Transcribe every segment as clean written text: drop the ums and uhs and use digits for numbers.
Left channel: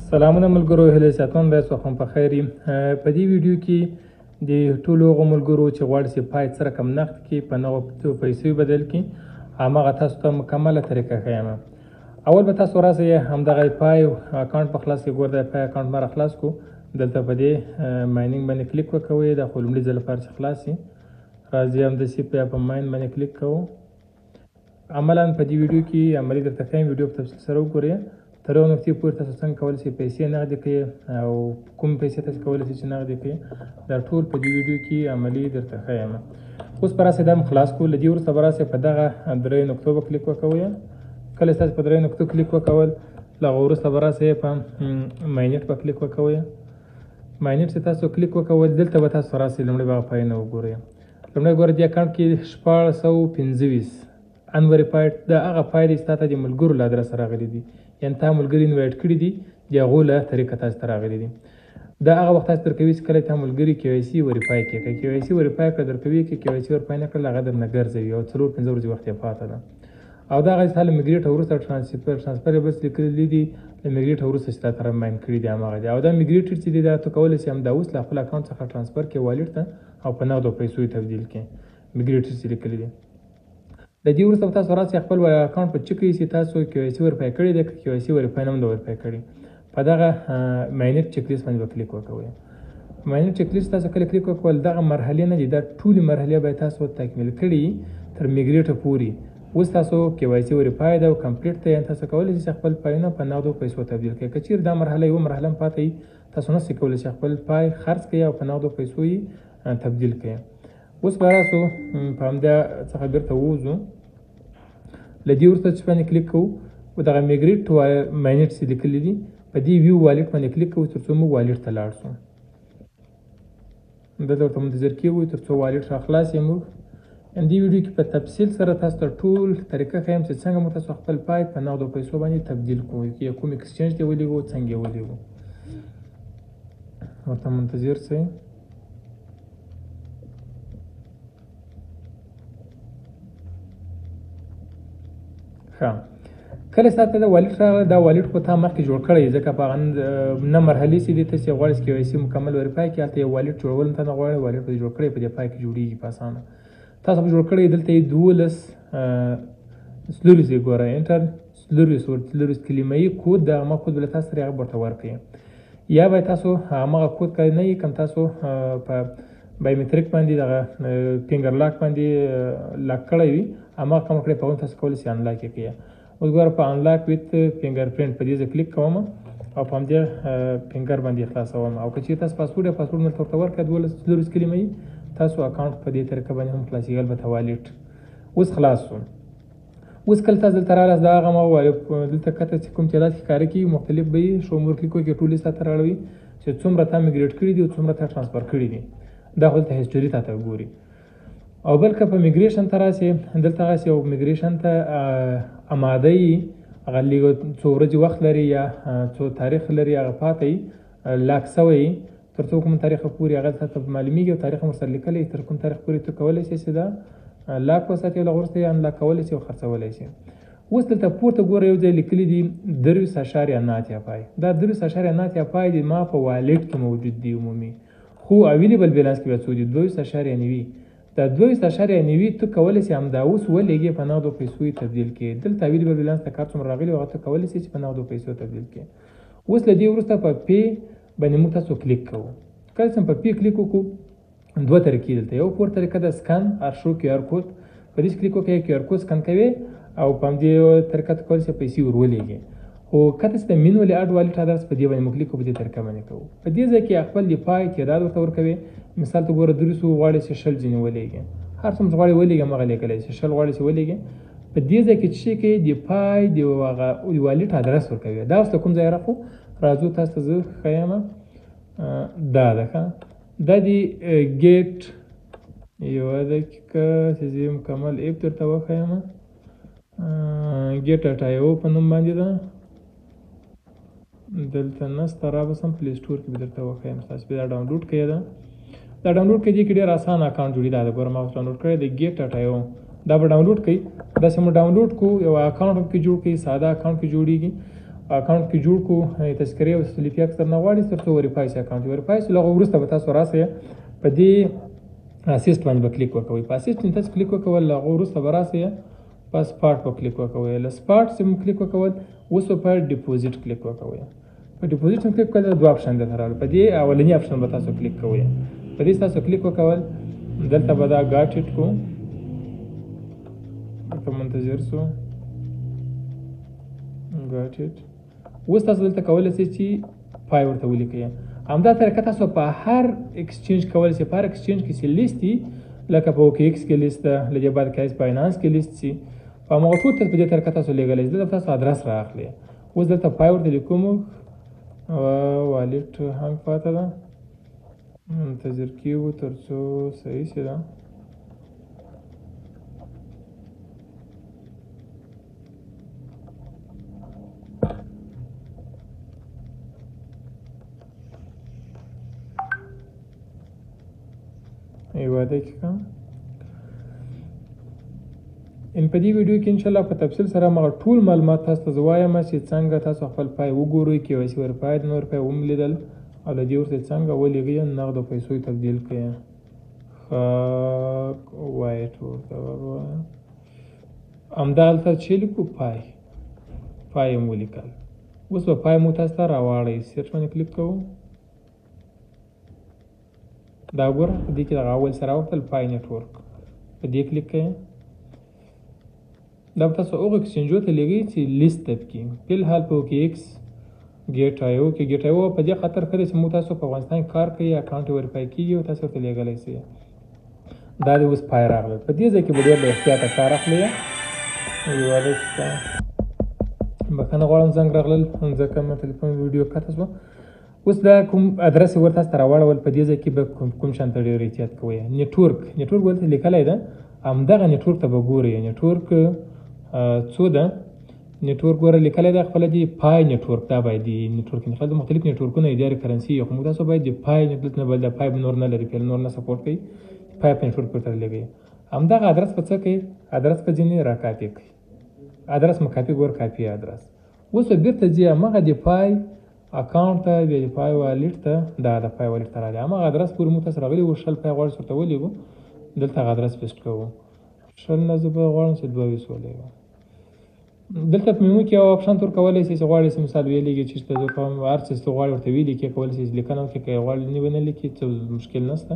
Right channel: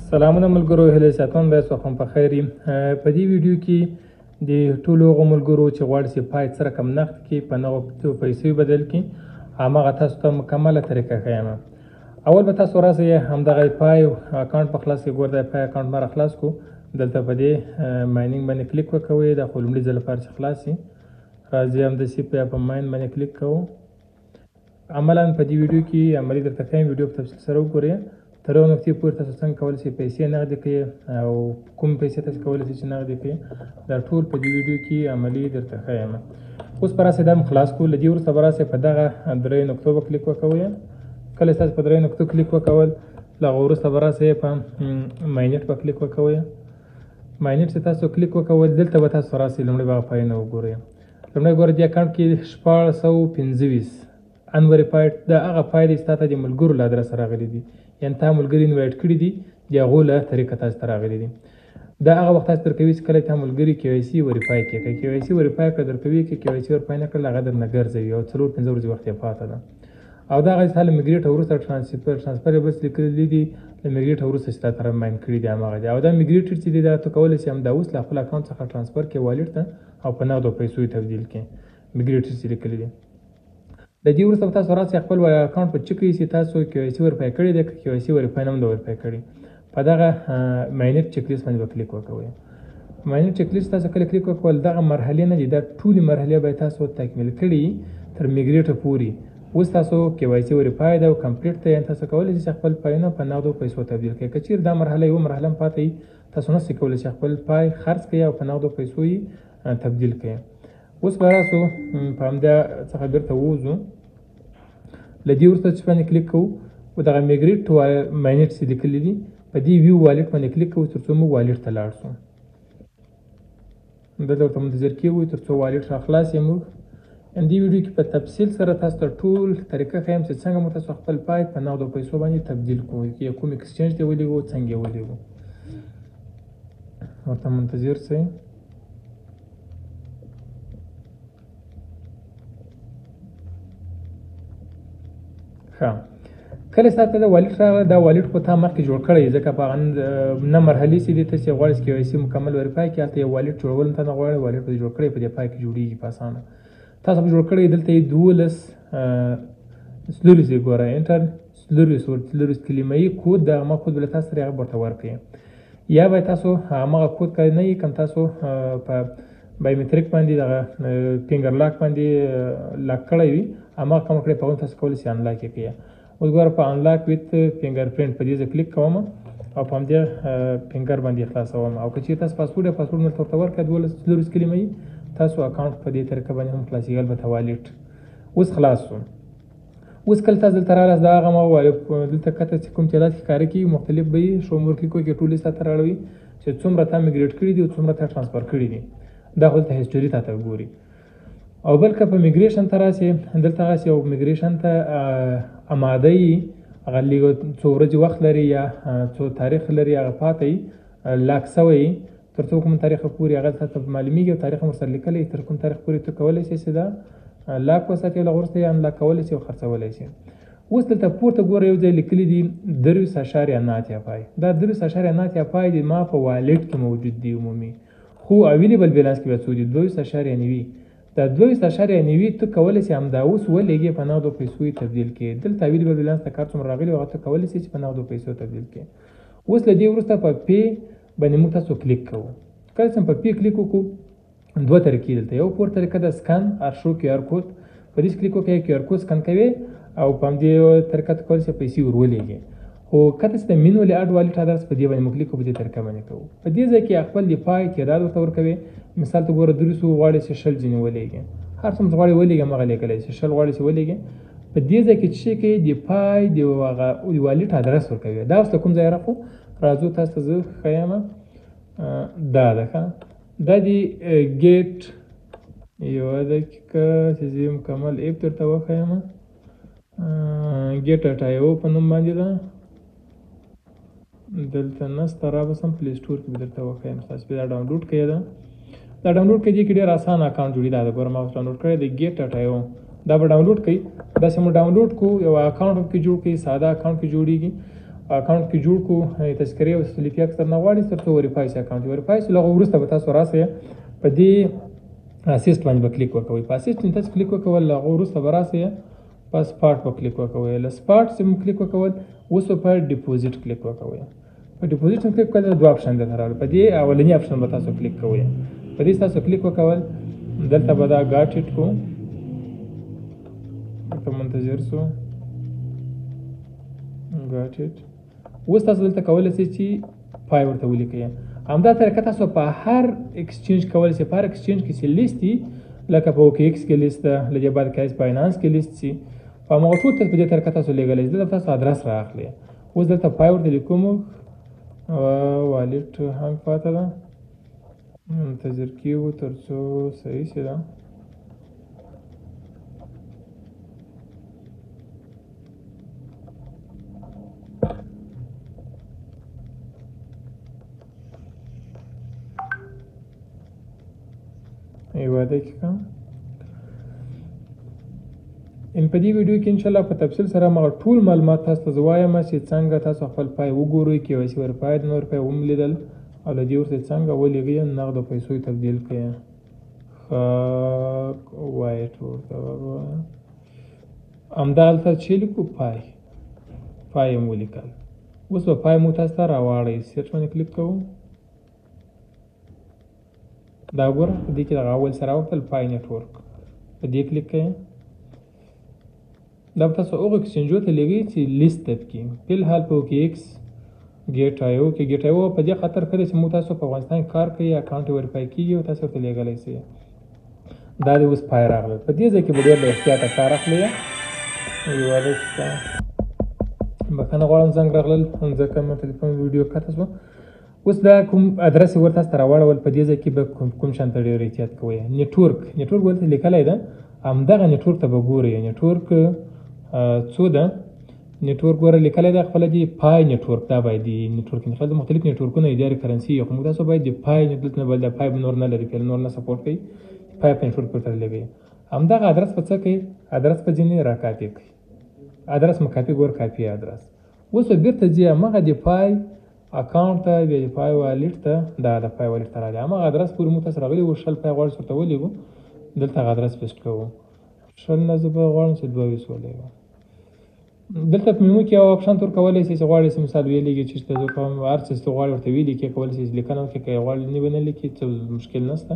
سلامونه ملګرو، هیله ساتون به سوخم په خیر یم. په دې ویډیو کې د ټولو هغو ملګرو چې غواړي چې پای څه رقم نقد کړي په نغدو پیسو بدل کړي، هماغه تاسو ته مکمله طریقه ښیم. اول به تاسو راسئ همدغه پای اکاونټ په خلاص کې ګور د پای اکاونټ مره خلاص کو. دلته په دې ماینینګ باندې کلیک وکوئ. د خو لومړي ځل لپاره چې خلاص شي راځئ همداسې په ماین باندې کلیک کوو. عملا په دې ویډیو کې عملي درته ښیم، ویډیو په تفصیل سره وګورئ. تر یو نقطې پورې تاسو څنګه کولی شئ پیسې نغدې کړئ او کوم پیسې تاسو کولی شئ چې نغدې کړئ، دا ټول په دې ویډیو کې عملي درته ښیم. اوس به راسئ دا م خلاص کړو. له دې وروسته به راسئ په دغه درې نقطو به کلیک وکوئ. کله چې تاسو په درې نقطو کلیک وکول، له هغه وروسته به راسئ په ماینټ به کلیک وکوئ. ماینټ چې تاسو کلیک وکول، دلته به تاسو راسئ لومړی به هغه پایونه وګورئ. لومړی ګورئ دې اکاونټ کې 1625 انوریفایډ دا هغه پای دی چې تا ته د ملګرو له ادرسه راغلی دي، یعنې تا ملګري انوایټ کړي دي، د هغو له طریقه تاسو ته راغلي دي. دا هغه وخت تاسو درکوي چې کله تا ملګري KYC وریفای کړي. که KYC وریفای کړه درکوي، که KYC وریفای نه کړل هغه درنه ګرځوي او 4-5 ورځې وخت یې پاته ده. او دا هغه تا له میګریټ وروسته ټرانسفر بس لیکلي دي، له میګریټ وروسته چې تا ته ماین کړي دي هماغه دي. او دا میګریټ چې دی دا ته کولی شي همدا اوس له خپل اکاونټ څخه ټرانسفر کړې والټ ته او په نغدو پیسو یې تبدیل کړي. میګریټ چې لیکلي دي د دې وروسته به تاسو راسئ خپل اکاونټ په چک کړئ چې تاسو KYC وریفای کړی دی، که KYC وریفای نه هم ده وریفای کړی. په دغه ماینټ چک لیست باندې به کلیک وکوئ. ماینټ چک لیست تاسو کله کلیک وکول، دغه مرحلې نه دي، دا ټولې مرحلې به تاسو تکمیل کړي تر میګریټه پورې. اوس تاسو KYC وریفای ده او کمپلیټ ده، یعنې تاسو کولی شئ خپل پایونه په نغدو پیسو تبدیل کړئ. که چیرې دا مرحله یوه مرحله هم پاتې وي، تاسو نشئ کولی چې خپل پای خرڅ کړئ او په نغدو پیسو یې تبدیل کړئ. اوس به راسو په همدا څخه بیرته ووځو. له دې وروسته چې باندې کلیک کوو، دغه میګریټ ماینټ چې لیکلي دي په دې ویو والټ باندې کلیک کوو تر څو موږ والټ ته لاړ شو. دلته ورته منتظر کېږو تر څو والټ راخلاص یې موږ. دې ویډیو کې په تفصیل سره تاسو ته ټول طریقه ښیم چې څنګه مو تاسو خپل پای په نغدو پیسو باندې تبدیل کوئ، چې کوم ایکسچینج ته ولېږو، څنګه یې ولېږو. ورته منتظر شئ. کله چې تاسو ته دا والټ راغله، دا والټ خو تا مخکې جوړ کړی، ځکه په هغه نه مرحلې چې دي ته چې غواړئ چې KYC مکمل وریفای کړي، هلته یو والټ جوړول هم ته نه غواړئ، والټ به دې جوړ کړی په دې پای کې جوړېږي په اسانه. تاسو به جوړ کړی، دلته یې 12 سلوریز یې ګوره انټر سلوریز کلیمه یي کود، د هغه کود به له تاسو سره هغه ورته ورکړي. یا به تاسو هماغه کود که نه وي، کوم تاسو په بایومټریک باندې دغه فینګر لاک باندې لاک کړی وي، هماغه کوم کړی په هغه تاسو کولی شئ انلاک یې کړئ. اوس ګوره په انلاک ویت فینګر پرنټ په دې زه کلیک کوم او په همدې فینګر باندې خلاصوم. او که چېرې تاسو پاسورډ یا پاسورډ مې ورته ورکړه 12 سلوریز کلیمه یي، تاسو اکاونټ په دې طریقه باندې هم خلاصېږي. البته والټ اوس خلاص شو. اوس کله تاسو دلته راغلاست، دا هغه ما وویل دلته کته چې کوم چې داسې ښکاره کېږي مختلف به یي شو مور کلیک وکړئ، ټول لیست راته راړوي چې څومره تا میګریټ کړي دي او څومره تا ټرانسفر کړي دي. دا خو دلته هسټري تا ته ګوري. او بل که په میګریشن ته راسئ، دلته هغسې یو میګریشن ته اماده یي، هغه لږ څو ورځې وخت لري یا څو تاریخ لري، هغه پاته یي لاک سوی یي تر څو کوم تاریخه پورې هغه تا ته معلومېږي او تاریخ هم ورسره لیکلی، تر کوم تاریخ پورې ته کولی شئ چې دا لاک وساتئ او له هغه وروسته یې انلاک کولی شئ او خرڅولی شئ. اوس دلته پورته ګوره یو ځای لیکلي دي 23.9 پای. دا 23.9 پای دی ما په والټ کې موجود دی عمومي، خو اویلیبل بیلانس کې بیا څو دي 22.9. دا 22.9 ته کولی شئ همدا اوس ولېږئ په نغدو پیسو یې تبدیل کړئ. دلته اویلیبل بیلانس ته کار څومره راغلی هغه ته کولی شئ چې په نغدو پیسو تبدیل کړئ. اوس له دې وروسته په پې باندې موږ تاسو کلیک کوو. کله چې په پې کلیک وکړو، دوه طریقې دلته، یو پور طریقه ده سکن ار شو QR کوډ، په دې کلیک وکړئ QR کوډ سکن کوئ او په همدې طریقه ته کولی شئ پیسې ور ولېږئ. خو کته چې د مینولي اډ والټ ادرس په دې باندې موږ کلیک کوو، په دې طریقه باندې کوو. په دې ځای کې خپل د پای تعداد ورته ورکوئ. مثال ته ګوره 300 غواړئ چې 60 ځینې ولېږئ، هر څومره غواړئ ولېږئ هماغه لیکلی چې 60 غواړئ چې ولېږئ. په دې ځای کې چې کوئ د پای د هغه والټ ادرس ورکوئ. دا اوس له کوم ځایه راخو راځو تاسو ته زه ښیم. دا ده ښه، دا د ګیټ یوه دقیقه چې زه مکمل ایپ درته وښیم. ګیټ اټایو په نوم باندې ده، دلته نسته، رابسم پلی سټور کې به درته وښیم. تاسو به دا ډاونلوډ کړئ. دا ډاونلوډ کړئ، دې کې ډېر اسان اکاونټ جوړي. دا د ګوره ما اوس ډاونلوډ کړی د ګیټ اټایو. دا به ډاونلوډ کړئ. داسې مو ډاونلوډ کړو، یو اکاونټ هم کې جوړ کړئ، ساده اکاونټ کې جوړېږي. اکاونټ کې جوړ کړو تذکرې او سلیپي اکثر نه غواړي تر څو وریفای شي اکاونټ وریفای شي. لغه وروسته به تاسو راسئ په دې اسیسټ باندې به کلیک وکوئ. په اسیسټ باندې تاسو کلیک وکول هغه وروسته به راسئ په سپاټ به کلیک وکوئ. له سپاټ څخه کلیک وکول اوس په ډیپوزیټ کلیک وکوئ. په ډیپوزیټ کلیک کول دوه اپشن دي راغلي. په دې اولنی اپشن به تاسو کلیک کوئ. په دې تاسو کلیک وکول دلته به دا ګاټ اټ کو په منتظر سو ګاټ اټ. اوس تاسو دلته کولای شئ چې پای ورته ولیکئ. همدا طریقه تاسو په هر ایکسچینج کولای شئ. په هر ایکسچینج کې چې لیست دي لکه په اوکې ایکس کې لیست ده، له دې بعد کایس باینانس کې لیست شي، په هماغه ټول په دې طریقه تاسو لیږلی شئ. دلته تاسو ادرس رااخلئ. اوس دلته پای ورته لیکو موږ والټ هنګ پاته ده، منتظر کیږو تر څو صحیح شي. ده یوه دقیقه. ان په دې ویډیو کې انشاءالله په تفصیل سره ما ټول معلومات تاسو ته زه وایم چې څنګه تاسو خپل پای وګورئ، KYC وریفاید نو روپۍ وملیدل او له دې ورته څنګه ولیږئ نغدو پیسو یې تبدیل کړئ. وایټ ورته ووایه همدلته چې لیکو پای یې مو ولیکل. اوس به پای مو تاسو ته راواړئ. سرچ باندې کلیک کوو. دا ګوره په دې کې دغه اول سره ورتل پای نیټورک په دې کلیک کوئ. دا به تاسو هغو اکسچینجو ته لیږئ چې لیست ده پکې. فلحال په اوکې ایکس ګیټ آیو کې ګیټ آیو په دې خاطر ښه دی چې موږ تاسو په افغانستان کې کار کوي، اکاونټ وریفای کېږي او تاسو ورته لیږلی شئ. دا د اوس پای راغلی. په دې ځای کې به ډېر له احتیاطه کار اخلئ. یوه دقیقه بښنه غواړم زنګ راغلل ځکه مې تلیفون ویډیو قطع شوه. اوس دا کوم ادرس یې ورته تاسو ته راواړول. په دې ځای کې به کوم شان ته ډېر احتیاط کوئ. نیټورک ورته لیکلی ده، همدغه نیټورک ته به ګورئ. نیټورک څو ده؟ نیټورک ګوره لیکلی ده خپله دې پای نیټورک. دا باید نیټورک انتخاب مختلف نیټورکونه اداري کرنسي خو موږ تاسو باید د پای نیټورک نه بل د پای نور نه لري، نور نه سپورټ کوي. پای په نیټورک ورته لګوي. همدغه ادرس په څه کوي؟ ادرس په ځینې راکاپي کوي. ادرس مو کاپي ګور کاپي ادرس. اوس به بېرته ځي همغه د پای اکاونټ ته، بیا د پای والټ ته، دا د پای والټ ته راځي. همغه ادرس پورې موږ تاسو راغلي وو. شل پای غواړو ورته ولیږو. دلته هغه ادرس پیسټ کوو. شل نه زه به غواړم چې 22 ولیږم. دلته په میمو کې یو اپشن تور کولی شئ چې غواړئ چې مثال ویلیږئ چې زه کوم هر څه چې غواړئ ورته ولیکئ، کولی شئ چې لیکنه وکړئ. که یې غواړئ نه به نه لیکئ څه مشکل نشته.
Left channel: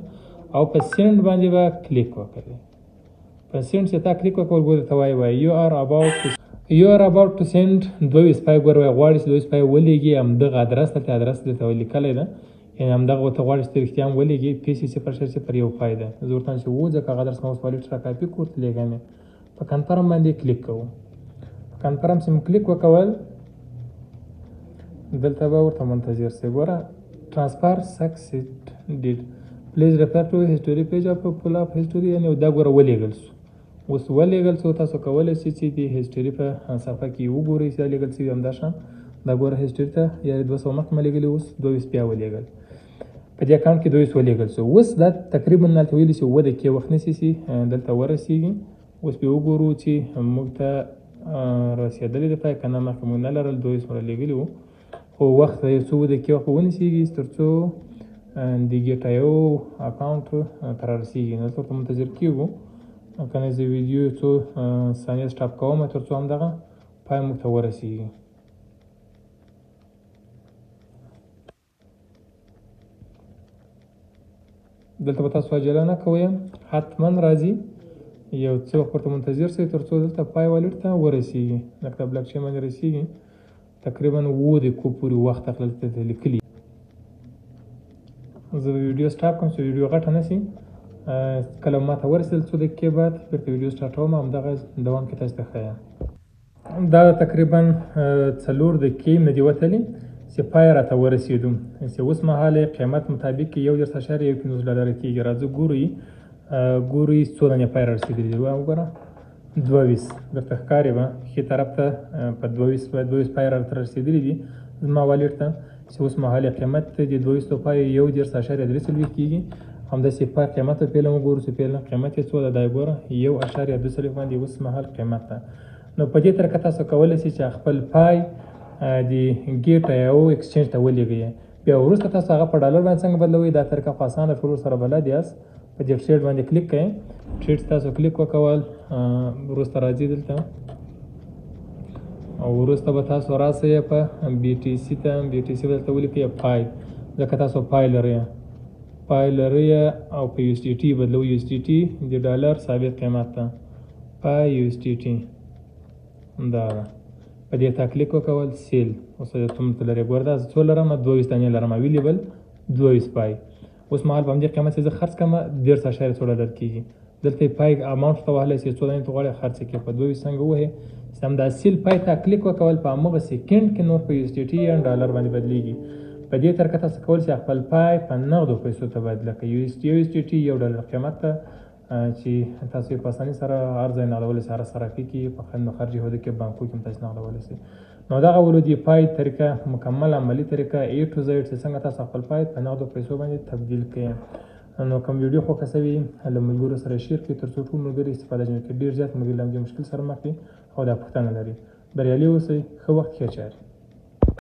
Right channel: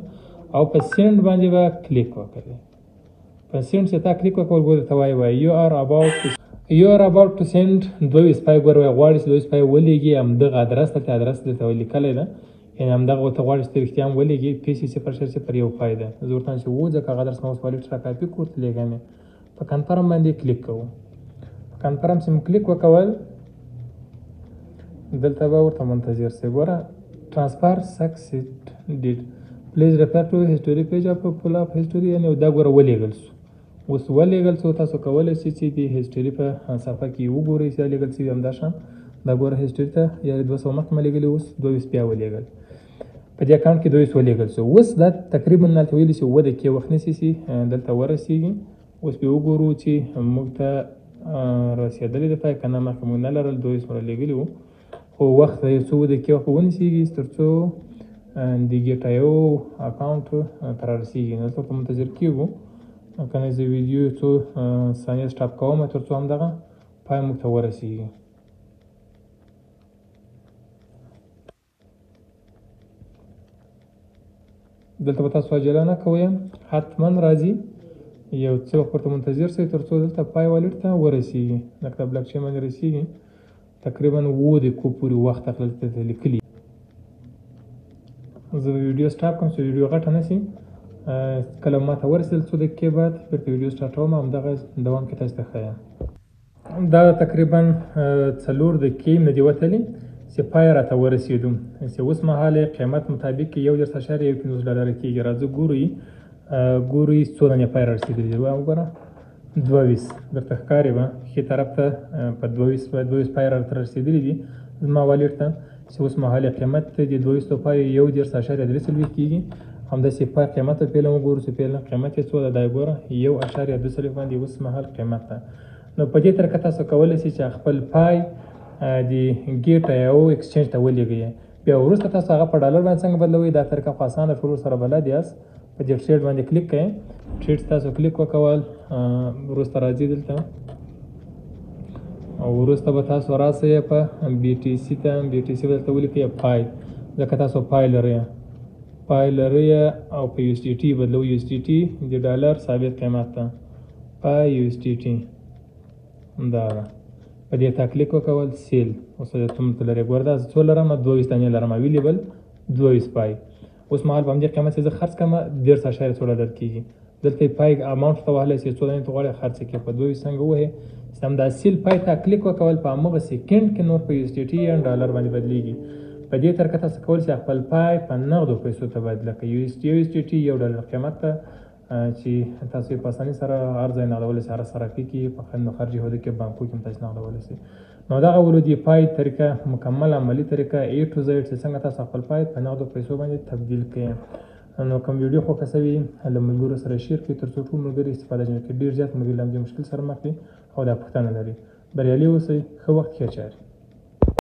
او په سینډ باندې به کلیک وکړئ. په سینډ چې تا کلیک وکړل ګورې ته وایي یو آر اباوټ ټو سینډ 22 پای ګوره غواړئ چې 22 پای ولیږئ همدغه ادرس ته. ادرس دلته لیکلی ده، یعنې همدغه ورته غواړئ چې ته رښتیا هم ولیږئ. PC 001 پای ده. زه ورته وایم چې و ځکه هغه ادرس ما اوس والټ را کاپي کړو ورته لیږم یې. په کنفرم باندې کلیک کوو. کنفرم چې مو کلیک وکول دلته به ورته منتظر شئ. ګوره ټرانسفر سکسیډ پلیز ریفر ټو هسټوري پیج اف پول اف هسټوري، یعنې دا ګوره ولیږل شو. اوس ولیږل شو. تاسو کولی شئ چې د هسټوري په صفحه کې وګورئ چې دا لیږل شوي همدا شان. دا ګوره هسټوري ته یا 200 مخکې مې لیږلي، اوس 22 بیا ولیږل. په دې اکاونټ کې 22 ولیږل شو. اوس دا تقریبا دلته ویلي چې 2 دقیقې وخت نیسي چې دلته ورسېږي. اوس بیا وګورو چې موږ ته رسېدلی دی پای که نه. مخکې موږ نه لرل 22 سره لیږلي وو، خو وخت یو څو دقیقې وخت به ونیسېږي تر څو د ګیټایو اکاونټ ته رارسېږي. نو ورته منتظر کېږو. که نه زه ویډیو څو ثانیې سټاپ کوم تر څو همدغه پای موږ ته ورسېږي. دلته به تاسو عجله نه کوئ، حتما راځي. یو څه وخت ورته منتظر شئ تر څو دلته پای والټ ته ورسېږي. لکه بلاک چین باندې رسېږي. تقریبا 2 دقیقو پورې وخت دلته لیکلي. زه ویډیو سټاپ کوم چې ویډیو غټه نه شي. کله ما ته ورسېدل څو دقیقې بعد بېرته ویډیو سټارټوم. همدغه دوام کې تاسو ته ښیم. دا تقریبا 4 دقیقې نه دي وتلي چې پای راته ورسېدو. چې اوس مهال قیمت مطابق $1.15 کېږي. راځو ګورئ څو دانې پای رارسېدلي دي. وګوره 22 درته ښکاري به ښي طرف ته په 22 پای راته رسېدلي دي زما والټ ته. چې اوس مهال قیمت د 22 پای $1.3 کېږي. همداسې پای قیمت ته فعلا وګورو چې فعلا قیمت یې څو ده. دا یې ګوره 1.2 باندې اوس مهال قیمت ده. نو په دې طریقه تاسو کولی شئ چې خپل پای د ګیټ او ایکسچینج ته ولېږئ. بیا وروسته تاسو هغه په ډالر باندې څنګه بدلوئ دا طریقه خو اسانه ټول سره بلد یاست. په دې ټریډ باندې کلیک کړئ. ټریډ تاسو کلیک وکول وروسته راځي دلته او وروسته به تاسو راسئ په بي ټي سي ته. بي ټي سي دلته ولیکئ پای ځکه تاسو پای لرئ او په یو اس ډي ټي بدلوئ. یو اس ډي ټي د ډالر ثابت قیمت ته پای یو اس ډي ټي دا ده. په دې ته کلیک وکول سیل. اوس څومره لرئ ګوره دا څو لرم 22 دانې لرم اویلیبل 22 پای. اوس مهال په همدې قیمت چې زه خرڅ کړم 13.16 کېږي. دلته پای اماونټ ته وهلی چې څو دانې ته غواړئ خرڅ کړئ په 22 څنګه ووهئ. همدا سیل پای ته کلیک وکول په همغه سیکنډ کې نور په یو اس ډي ټي یا ډالر باندې بدلېږي. په دې طریقه تاسو کولی شئ خپل پای په نغدو پیسو ته بدله کړئ. یو اس ډي ټي یو ډالر قیمت ته چې تاسو په اسانۍ سره هر ځای نغدولی شئ، هر صرافي کې په خارجي هېوادو کې بانکو کې هم تاسو نغدولی شئ. نو دغه ولو د پای طریقه مکمل عملي طریقه A to Z چې څنګه تاسو خپل پای په نغدو پیسو باندې تبدیل کړئ. نو کوم ویډیو خوښه شوي له ملګرو سره شیر کړئ تر څو ټول ملګري استفاده جوړ کړي. ډېر زیات ملګري له همدې مشکل سره مخ دي او دا پوښتنه لري. بریالي اوسئ. ښه وخت ښه چارې.